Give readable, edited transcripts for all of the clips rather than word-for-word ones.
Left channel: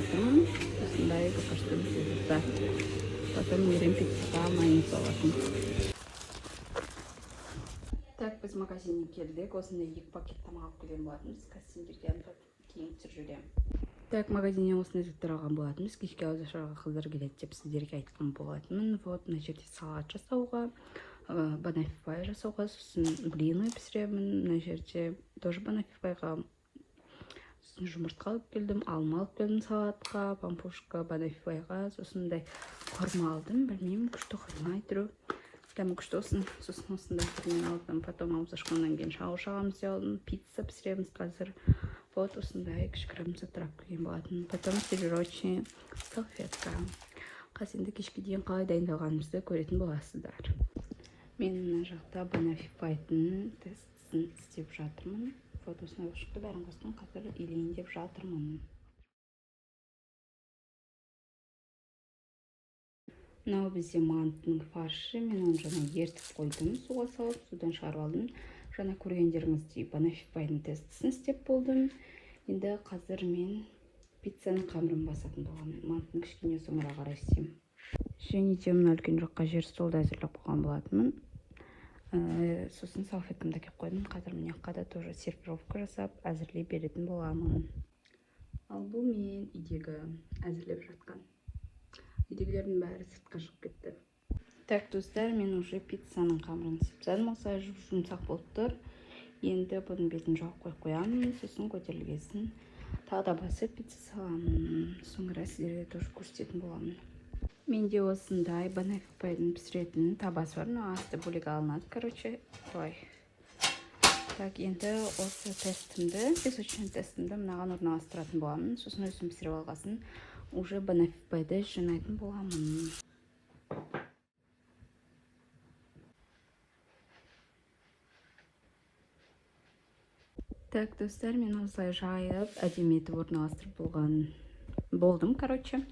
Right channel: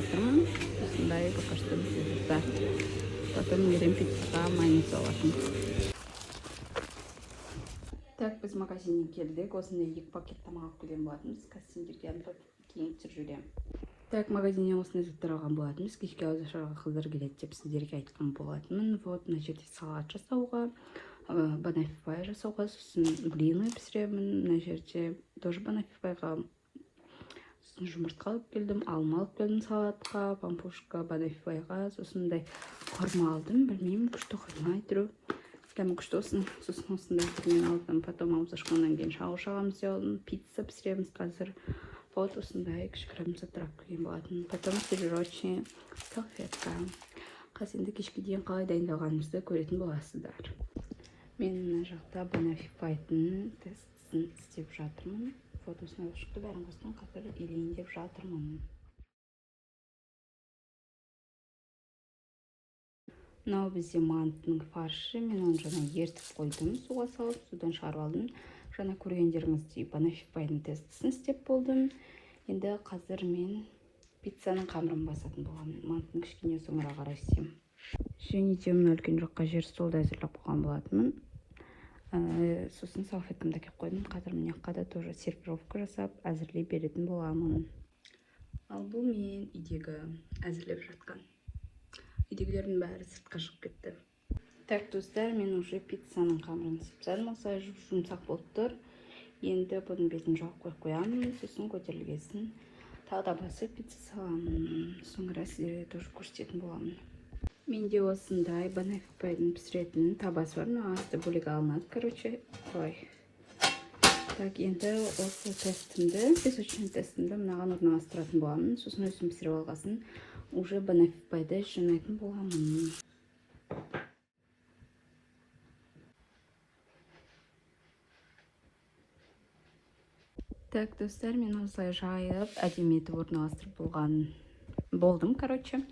жатырмын. Осындай пока что бізде. Потом берем пиццаға майонез алатын. Так, біз магазиннен келдік. Осындай 2 пакет тамақ алып келген болатынбыз. Қазір сендерге кейін түсіріп жіберемін. Так, магазиннен осындай заттар алған болатынбыз. Кешке ауызашарға қыздар келеді деп сіздерге айтқан болатынмын. Вот, мына жерде салат жасауға, банафифай жасауға, сосын блины пісіремін. Мына жерде тоже банафифайға сосын жұмыртқа алып келдім, алма алып келдім салатқа, пампушка, банафифайға, сосын құрма алдым. Білмеймін, күшті құрма айтыру. Дәмі күшті olsun. Сосын осындай мен алдым. Потом ауыз ашқаннан кейін шауыш ағамыз алдым. Пицца пісіреміз қазір. Вот осындай кішігірім заттар алып келген болатын. Потом сервировочный салфетка. Қазір енді кешке дейін қалай дайындалғанымызды көретін боласыздар. Мен мына жақта банафифайдың тестісін істеп жатырмын. Вот осындай шықты, бәрін қосқан қазір илейін деп жатырмын. Мынау бізде манттың фаршы. Мен оны жаңа ертіп қойдым, суға салып, судан шығарып алдым. Жаңа көргендеріңіздей банафифайдың тестісін істеп болдым. Енді қазір мен пиццаның қамырын басатын боламын. Манттың кішкене соңыра қарай істеймін. Және де мына үлкен жаққа жер столды әзірлеп қойған болатынмын. Сосын салфеткамды әкеліп қойдым. Қазір мына жаққа да тоже сервировка жасап әзірлей беретін боламын. Ал бұл мен үйдегі әзірлеп жатқан. Үйдегілердің бәрі сыртқа шығып кетті. Так, достар, мен уже пиццаның қамырын істеп жармаса жұмсақ болып тұр. Енді бұның бетін жауып қойып қоямын, сосын көтерілгесін тағы да басып пицца саламын. Соңыра сіздерге тоже көрсететін боламын. Менде осындай банафифайдың пісіретін табасы бар, но асты бөлек алынады, короче. Так, енді осы тестімді, песочный тестімді мынаған орналастыратын боламын. Сосын өзім пісіріп алғасын уже банафифайды жинайтын боламын. Так, достар, мен осылай жайып, әдемі етіп орналастырып болдым, короче.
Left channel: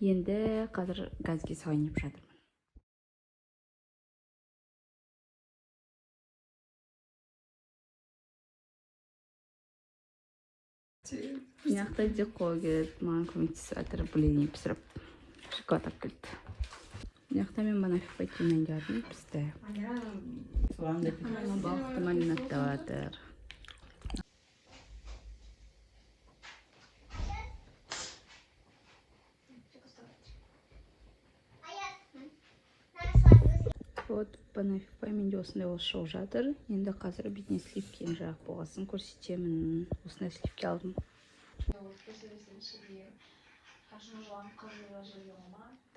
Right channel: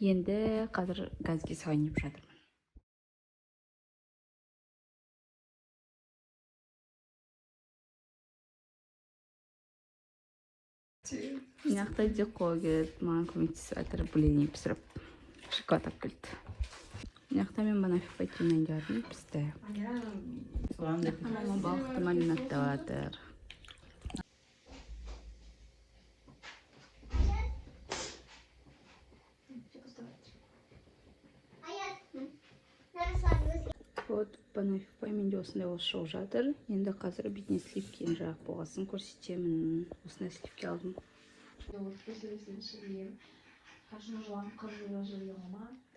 Енді қазір газге салайын деп жатырмын. Мынаяқта Дико келді, маған көмектесіп жатыр, блин пісіріп, шоколад алып келді. Мынаяқта мен банафифай жемейін деп жатырмын, пісті. Мынаяқта мама балықты маринадтап жатыр. Вот банафифай менде осындай осы шығып жатыр. Енді қазір бетіне сливкені жағып болғасын көрсетемін. Осындай сливки алдым.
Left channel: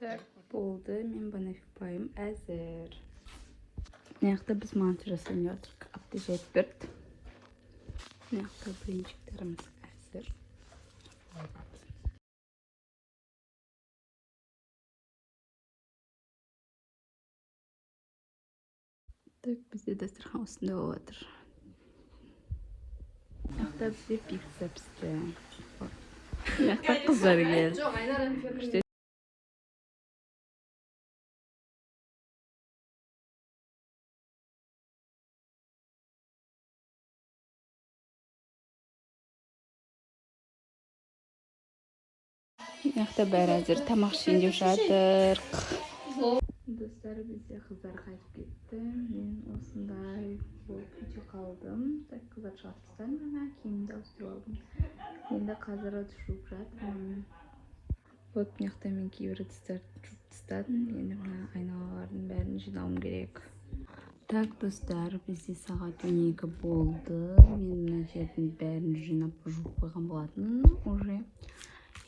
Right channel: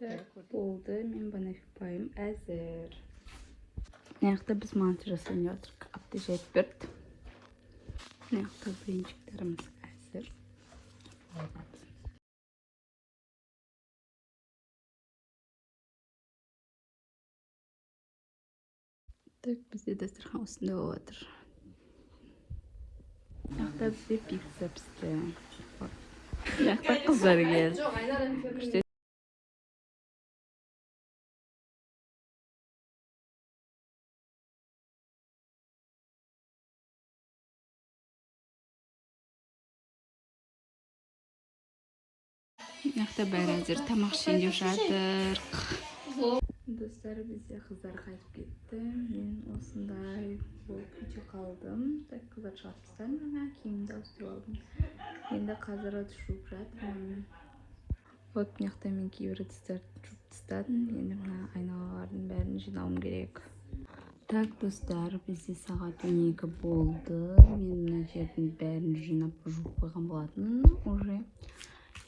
Так, болды, мен банафифайым әзір. Мынаяқта біз манты жасайын деп жатырмық. Апты жайып берді. Мынаяқта блинчиктеріміз әзір. Так, бізде дастархан осындай болып жатыр. Мынаяқта бізде пицца пісті. Мынаяқта қыздар келді. Мынаяқта бәрі әзір, тамақ ішейін деп жатыр. Достар, бізде қыздар қайтып кетті. Мен осындай болып үйде қалдым. Так, қыздар шығып тастадым, жаңа киімімді ауыстырып алдым. Енді қазір жуып жатырмын. Вот мынаяқта мен кейбір ыдыстарды жуып тастадым. Енді мына айналалардың бәрін жинауым керек. Так, достар, бізде сағат 12 болды. Мен мына жердің бәрін жинап жуып қойған болатын уже.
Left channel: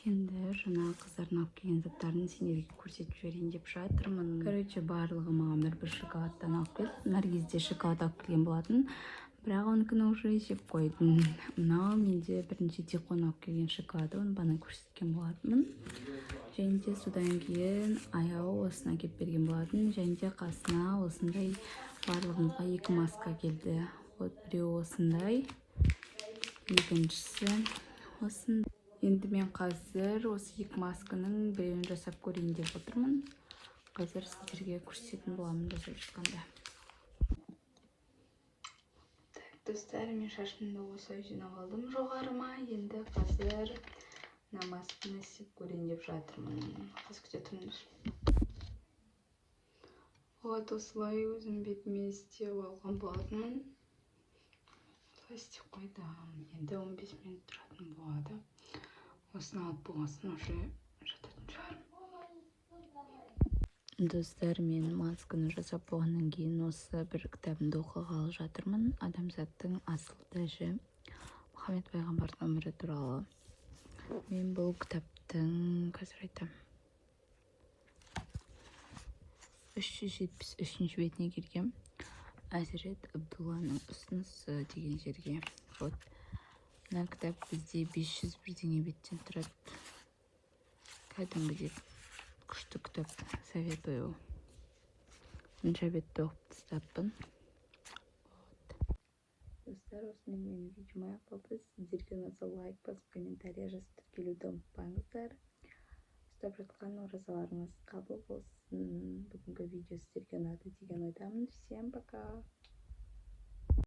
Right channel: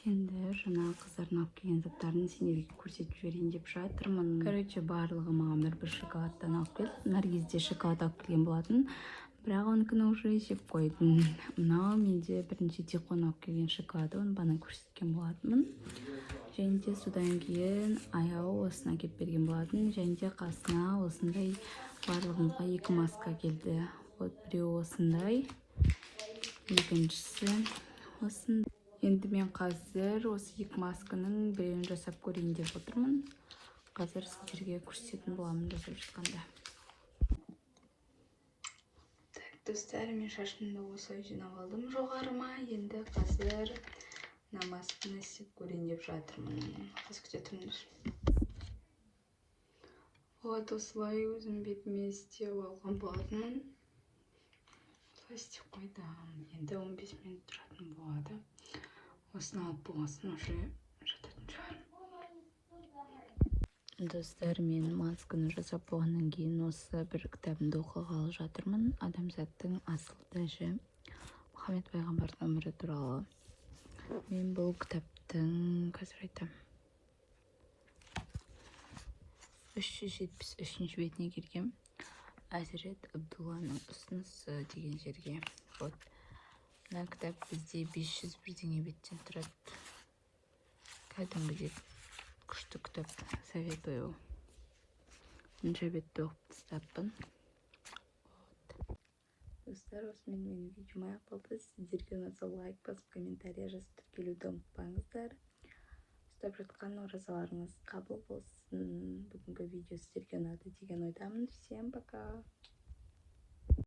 Енді жаңа қыздардың алып келген заттарын сендерге көрсетіп жіберейін деп жатырмын. Короче, барлығы маған бір шоколадтан алып келді. Наргизде шоколад алып келген болатын. Бірақ оныкіні уже жеп қойдым. Мынау менде бірінші Диконың алып келген шоколады, оны бана көрсеткен болатынмын. Және де содан кейін аяу осына келіп берген болатын. Және де қасына осындай барлығымызға 2 маска келді. Вот біреу осындай, екіншісі осындай. Енді мен қазір осы 2 масканың біреуін жасап көрейін деп отырмын. Қазір сіздерге көрсететін боламын жасап жатқанда. Так, достар, мен шашымды осылай жинап алдым жоғарыма. Енді қазір намазын істеп көрейін деп жатырмын. Қазір күте тұрыңдар. Вот осылай өзім бетіме істеп алған болатын. Осылай істеп қойдым. Енді 15 минут тұратын болады. Осыны алып болғасын уже жататын шығар. Достар, мен масканы жасап болғаннан кейін осы бір кітабымды оқығалы жатырмын. Адамзаттың асыл тәжі, Мұхаммед пайғамбардың өмірі туралы. Мен бұл кітаптың, қазір айтам, 373 бетіне келгем. Әзірет Абдулланың ұсынысы деген жерге. Вот. Мына кітап бізде 500 бірдеңе беттен тұрады. Кәдімгідей күшті кітап, советую. Мынша бетті оқып тастаппын. Достар, осымен менің видеома аяқталды. Сіздерге ұнаса лайк басып, комментария жазып тіркелуді ұмытпаңыздар. Ұстап жатқан оразаларыңыз қабыл болсын. Бүгінгі видео сіздерге ұнады деген ойдамын. Всем пока!